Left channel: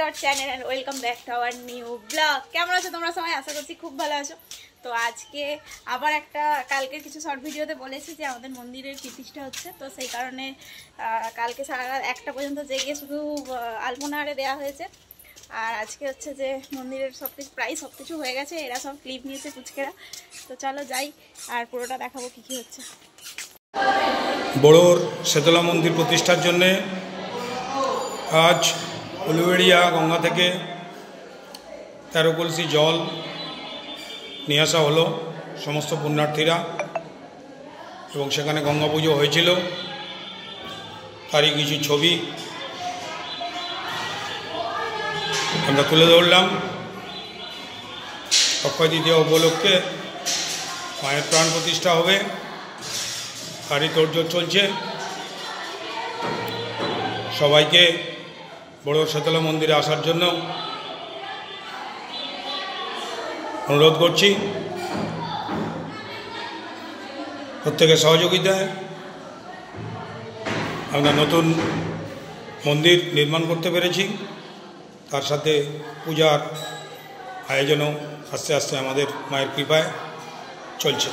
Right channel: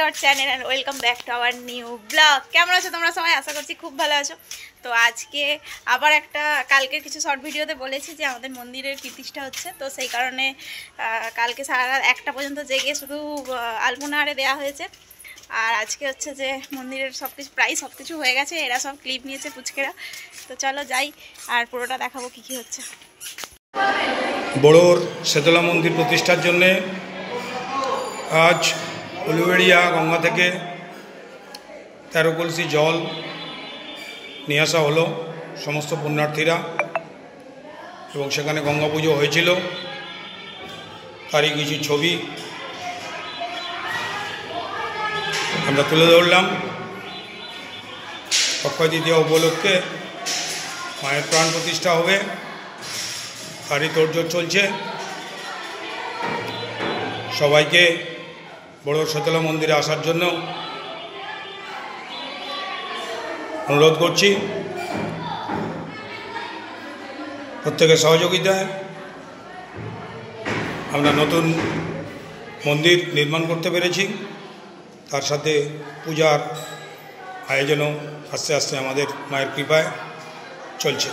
to our channel and welcome back to our new vlog. কেমন আছো তোমরা সবাই? আশা করছি খুব ভালো আছো। তো আজকে আবার একটা কালকে কিছু শর্ট ভিডিওতে বলেছি যে আমাদের মন্দিরের প্রতিষ্ঠা হচ্ছে, তো সেই কারণে কালকে সারা রাত 1টা পর্যন্ত জেগে শুধু আলপনা আরে দেওয়া হয়েছে। আর আজকে হচ্ছে যে মন্দিরের প্রায় সব কিছু হয়ে গেছে, এরা সব ক্লিপ নিয়েছে পুচকেরা। তো চলো যাই আর পুরোটা দেখাবো কি কি হচ্ছে। বড়োর শেতলা মন্দির প্রতিষ্ঠার জন্যে আজ উলুবেড়িয়া গঙ্গা থেকে 13 কলসি জল নিয়ে আসা হলো সমস্ত পুণ্যার্থীরা, এবং সেখানে গঙ্গা পুজো হয়েছিল। তারই কিছু ছবি আমরা তুলে ধরলাম। অক্ষয় তৃতীয়া উপলক্ষে মায়ের প্রাণ প্রতিষ্ঠা হবে, তারই তোড়জোড় চলছে। সবাইকে বড় শীতলা মন্দিরে আসার জন্য অনুরোধ করছি, প্রত্যেকের সহযোগিতায় আমরা নতুন মন্দির নির্মাণ করতে পেরেছি। তার সাথে পূজার আয়োজনও আস্তে আস্তে আমাদের মায়ের কৃপায় চলছে।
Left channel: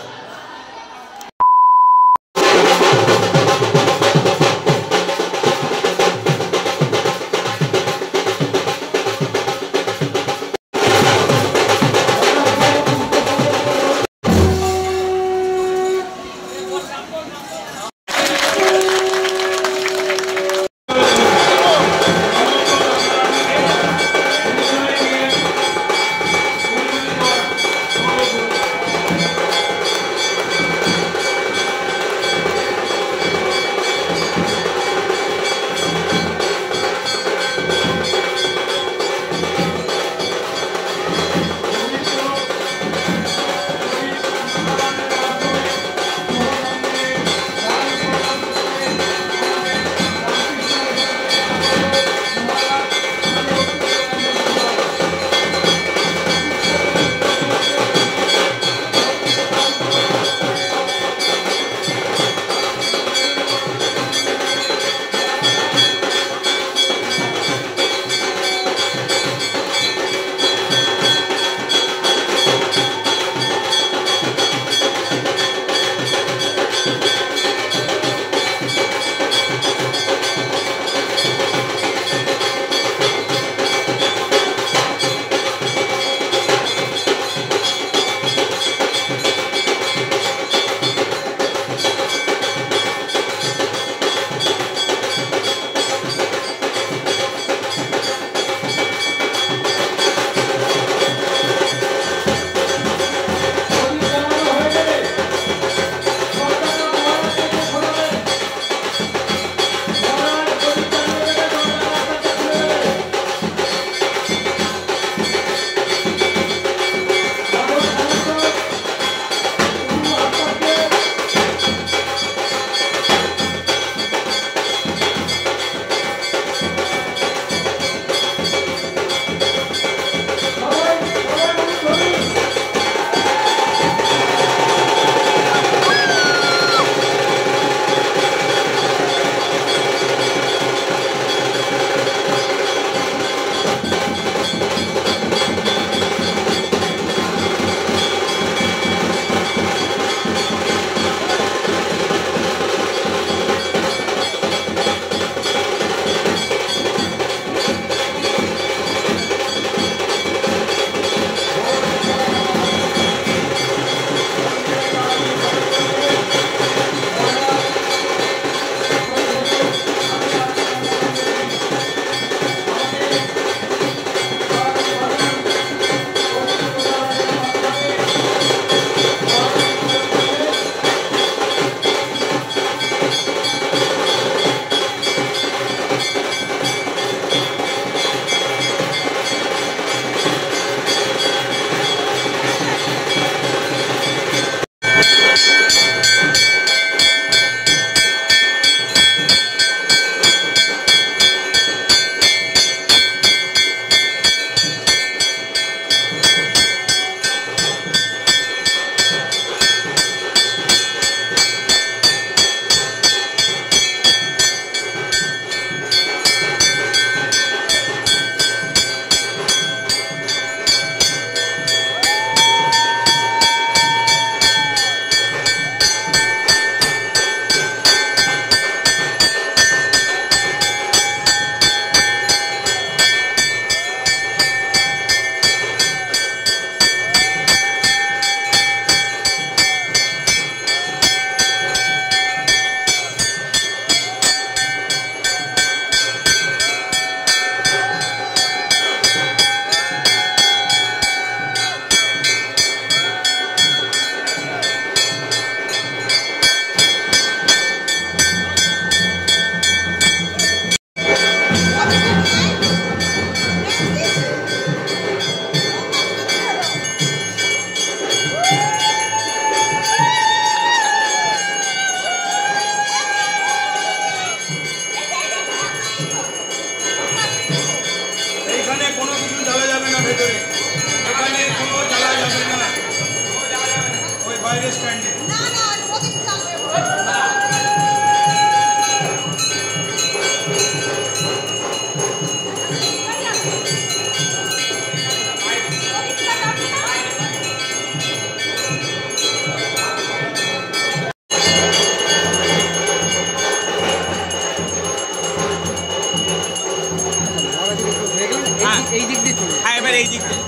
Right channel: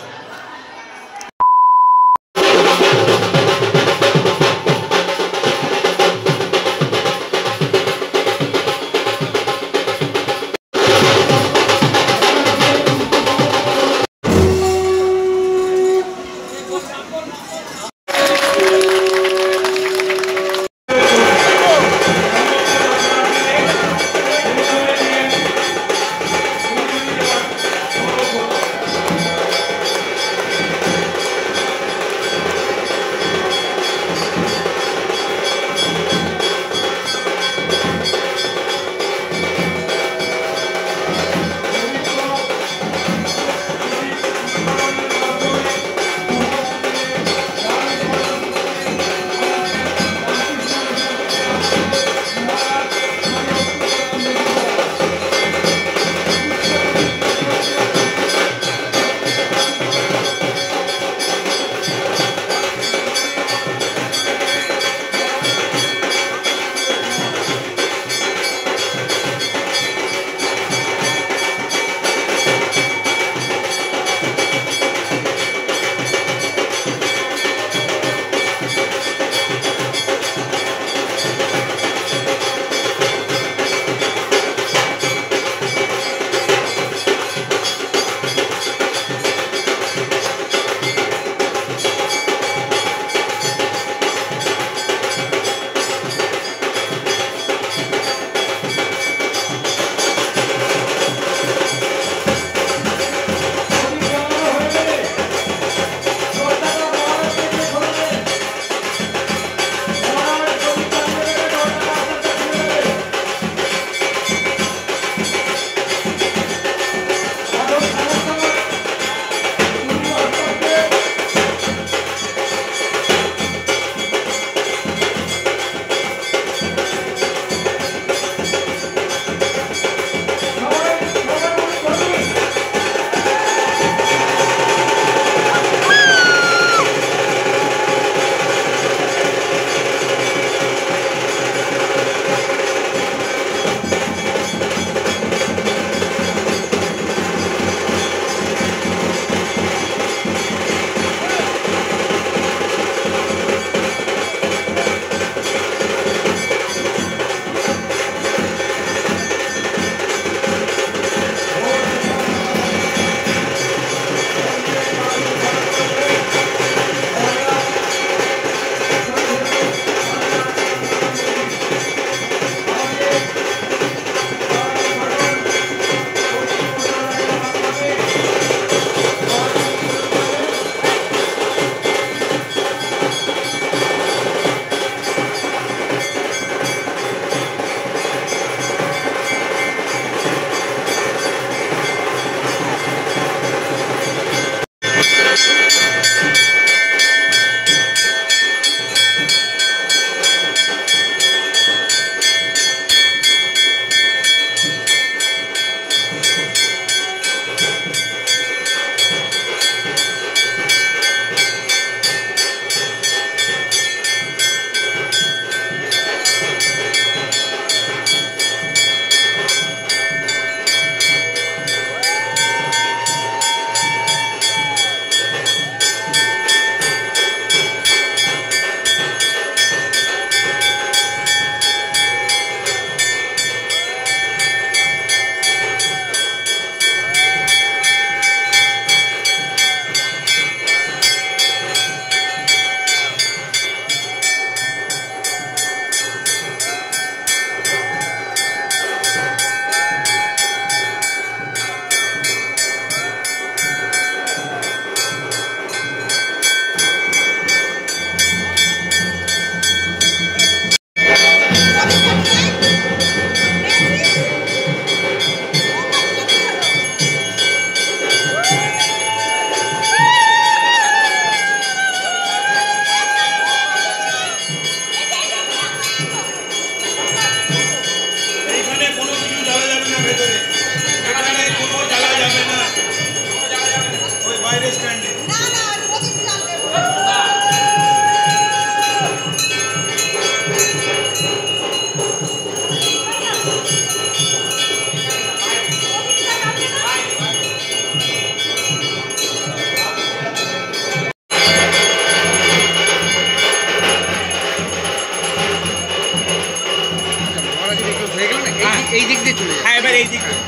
এই দিক দিয়ে চলে যায়, এবার এই দিক দিয়ে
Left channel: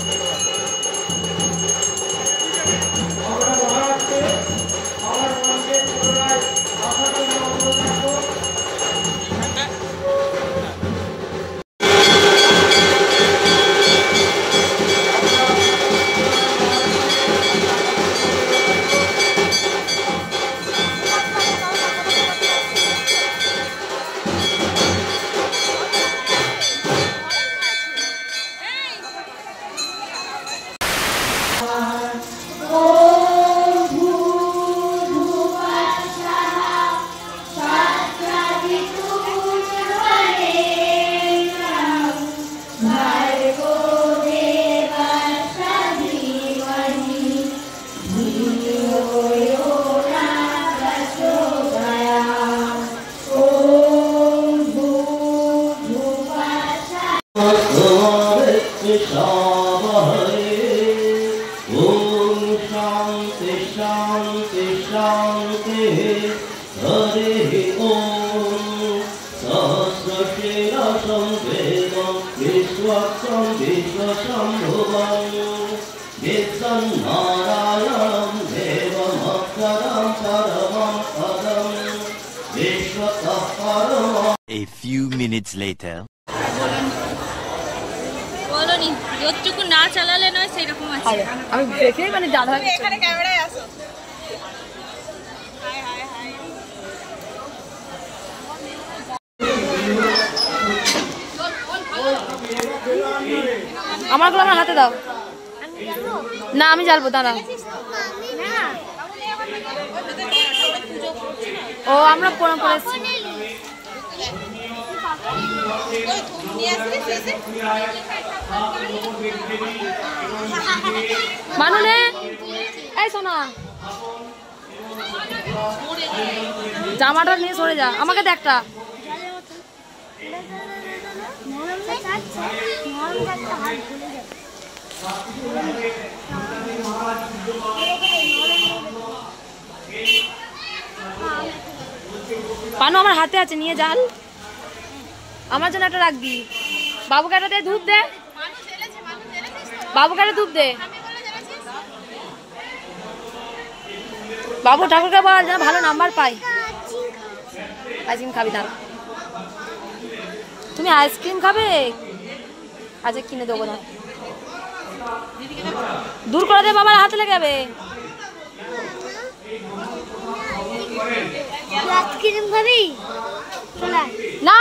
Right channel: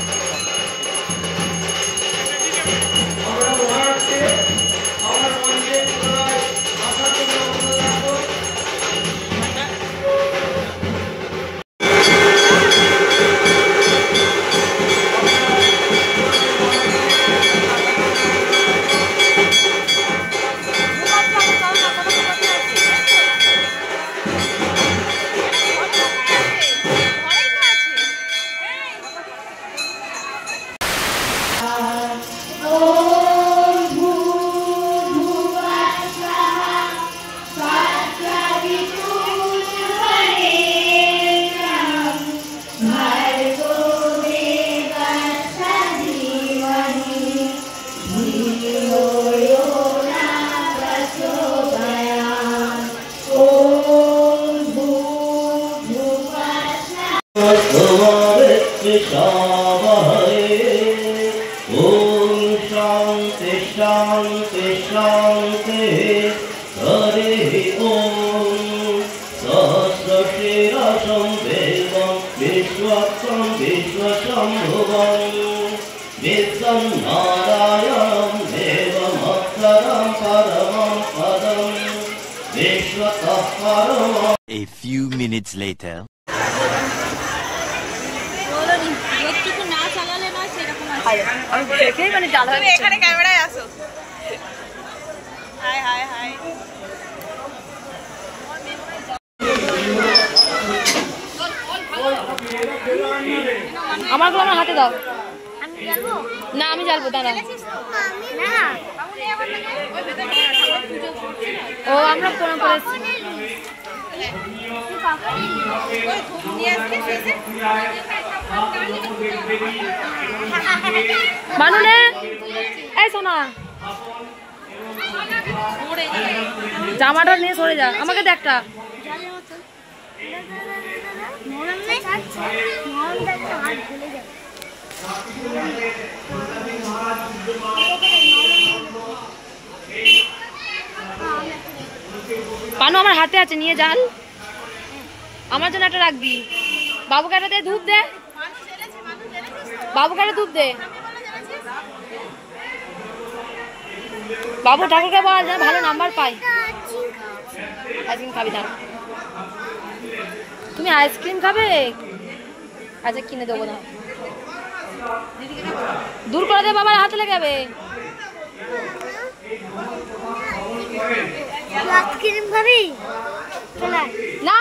A few minutes later. বলনি যতটুকু না চালালে না সেরকম আছে। আমি দেখে মানে জানা তুমি এখানে ক্যামেরায় আসো। High high high. আমার হাতে দাও। আমি জ্বালবো না, আমি জ্বালবো, দাঁড়া। না ও আমরা পড়া পড়েছি। মানুনে এই সোনা জামাটা নিয়ে সরে যা, আমাকে দে একটা। পানু আমার হাতে আছে, নিয়ে যান। আমার জন্য একটা রাখবি। বাবুকে একটা দে, ধূপ দে। বাবুকে একটা ধূপ দে। বাবু ঠাকুরকে বল যেন ভালো নাম্বার পাই। আইসক্রিম খাবি না? তুমি আইসক্রিম খাবে? আচ্ছা কিনে দেবো না, দূর করে দে, বাবার হাতে লেগে যাবে। আইসক্রিম খাবি না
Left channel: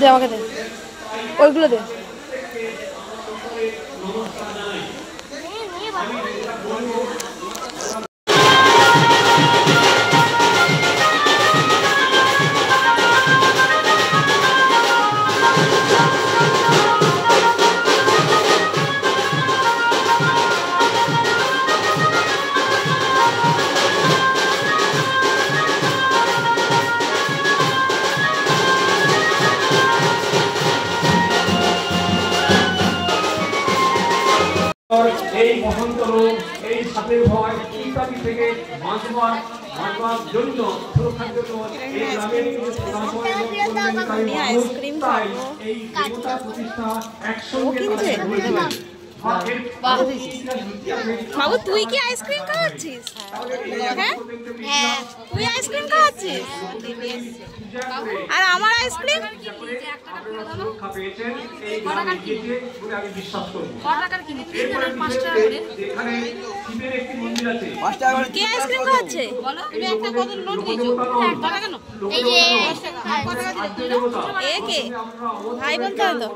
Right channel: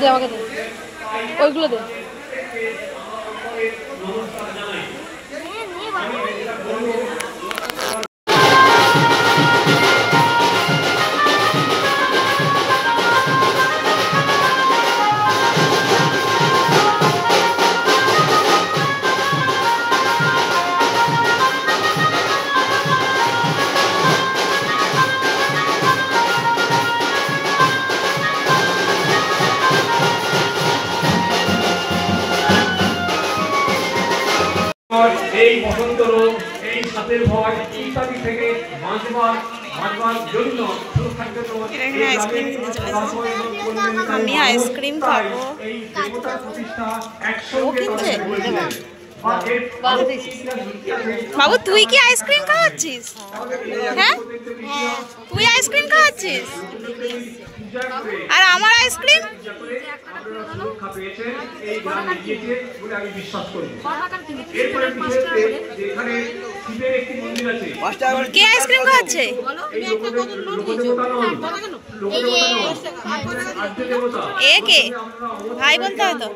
দে, আমাকে দে, ওইগুলো দে। এই বসন্ত রোগ, এই সাপের ভয় ইত্যাদি থেকে বাঁচবার জন্য সুরক্ষার জন্য আইসক্রিম কিনতে চলে এসেছি। আমি আইসক্রিম খাবো। ও কিনছে? বাবু তুই কি আইসক্রিম খাওয়াচ্ছিস? হ্যাঁ তুই আইসক্রিম খাওয়াচ্ছিস? আর আমার আইসক্রিম কে আইসক্রিম খাওয়াচ্ছে? এ কে ভাই বলতে হতো।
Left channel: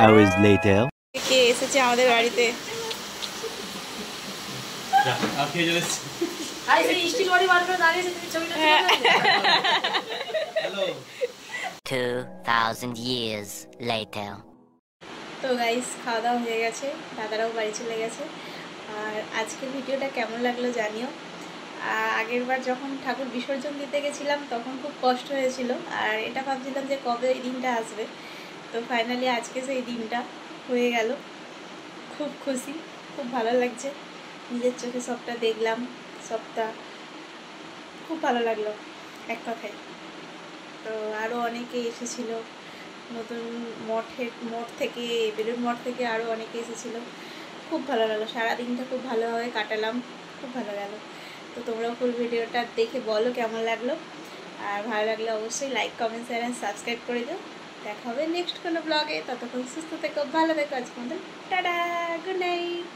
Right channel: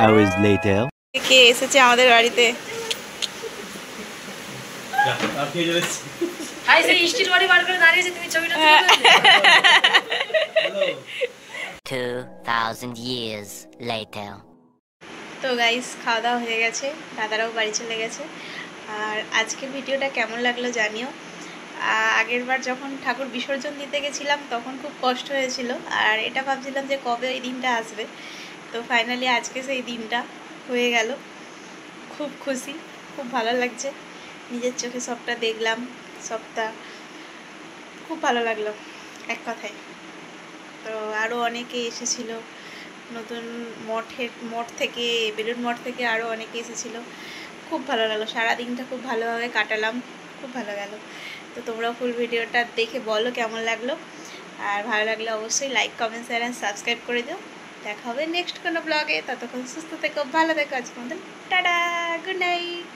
hours later. কে এসেছে আমাদের বাড়িতে? হাই সেই স্টিল বডি বার করে দাঁড়িয়েছে, তুমি ছবিটা 2000 years later. তো গাইস খাওয়া দাওয়া হয়ে গেছে, দাদারাও বাড়ি চলে গেছে। আর আজকের ভিডিওটা কেমন লাগলো জানিও। আগের বার যখন ঠাকুর বিসর্জন দিতে গেছিলাম তখন খুব কষ্ট হয়েছিল, আর এটা ভাবছিলাম যে কবে ওই দিনটা আসবে। তো ফাইনালি আজকে সেই দিনটা হয়ে গেল। খুব খুশি, খুব ভালো লাগছে, নিজের চোখে সবটা দেখলাম, সবটা খুব ভালো লাগলো এক কথায়। তো আরও অনেকে এসেছিল, নতুন মঠ থেকে, বেলুড় মঠ থেকে আরও অনেকে এসেছিল। খুব ভালো লাগলো, সারাদিনটা খুব ভালোভাবে কাটালাম, খুব ভালো গেল। তো তোমরাও ফুল ভিডিওটা দেখে বলো কেমন লাগলো, আর ভালো লাগলে অবশ্যই like, comment, share and subscribe করে দিও। দেখা হবে নেক্সট কোনো ব্লগে। ততক্ষণ সুস্থ থেকো, ভালো থেকো। আজকে আমাদের টাটা, গুড নাইট।